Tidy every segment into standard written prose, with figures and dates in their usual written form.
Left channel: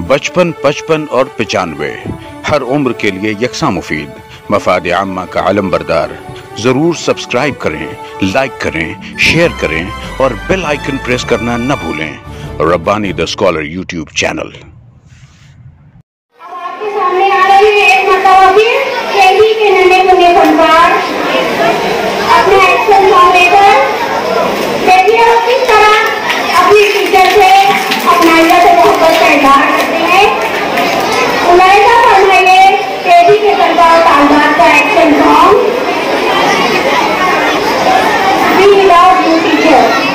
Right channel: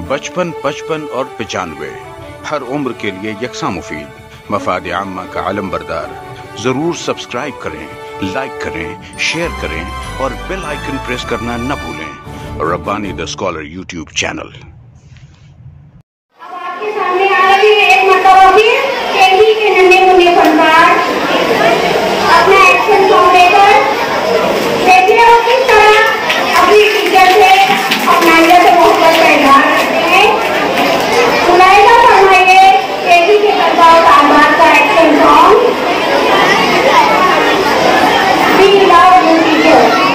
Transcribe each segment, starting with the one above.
बचपन, 55 और 95 हर उम्र के लिए यकसा मुफीद, मफाद आम्मा का आलम बरदार। जरूर सब्सक्राइब करें, लाइक करें, शेयर करें और बेल आइकन प्रेस करना न भूलें। Rabbani the scholar YouTube channel. आपके सामने आ रही है एक मरतबा फिर केजी के नन्हे मुन्ने फनकार अपना एक्शन सॉन्ग लेकर देखिए वो किस तरह अपनी टीचर से अपना से मोहब्बत का इजहार करते हैं। सुनाइएगा, फरमाइए केजी के तलबा तालिबात का action song we love you teacher.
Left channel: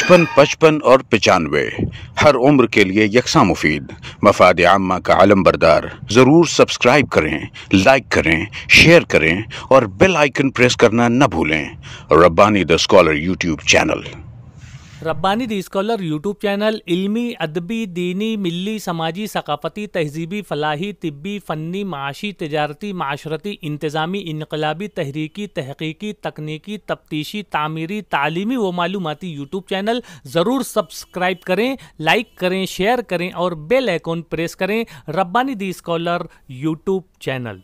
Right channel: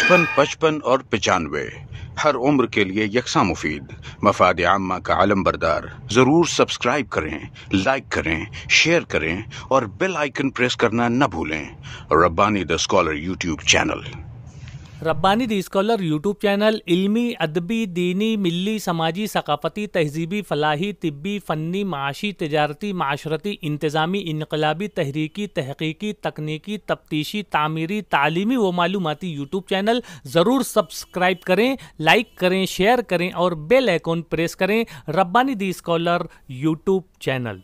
55, 55 और 95 हर उम्र के लिए यकसा मुफीद, मफाद आम्मा का आलम बरदार। जरूर सब्सक्राइब करें, लाइक करें, शेयर करें और बेल आइकन प्रेस करना न भूलें। Rabbani the scholar YouTube channel. Rabbani the scholar YouTube channel इल्मी, अदबी, दीनी, मिली, समाजी, सकाफती, तहजीबी, फलाही, तिब्बी, फ़न्नी, माशी, तिजारती, माशरती, इंतज़ामी, इनकलाबी, तहरीकी, तहकीकी, तकनीकी, तफ्तीशी, तामीरी, तालीमी व मालूमाती यूट्यूब चैनल। ज़रूर सब्सक्राइब करें, लाइक करें, शेयर करें और बेल आइकन प्रेस करें। Rabbani the scholar YouTube channel.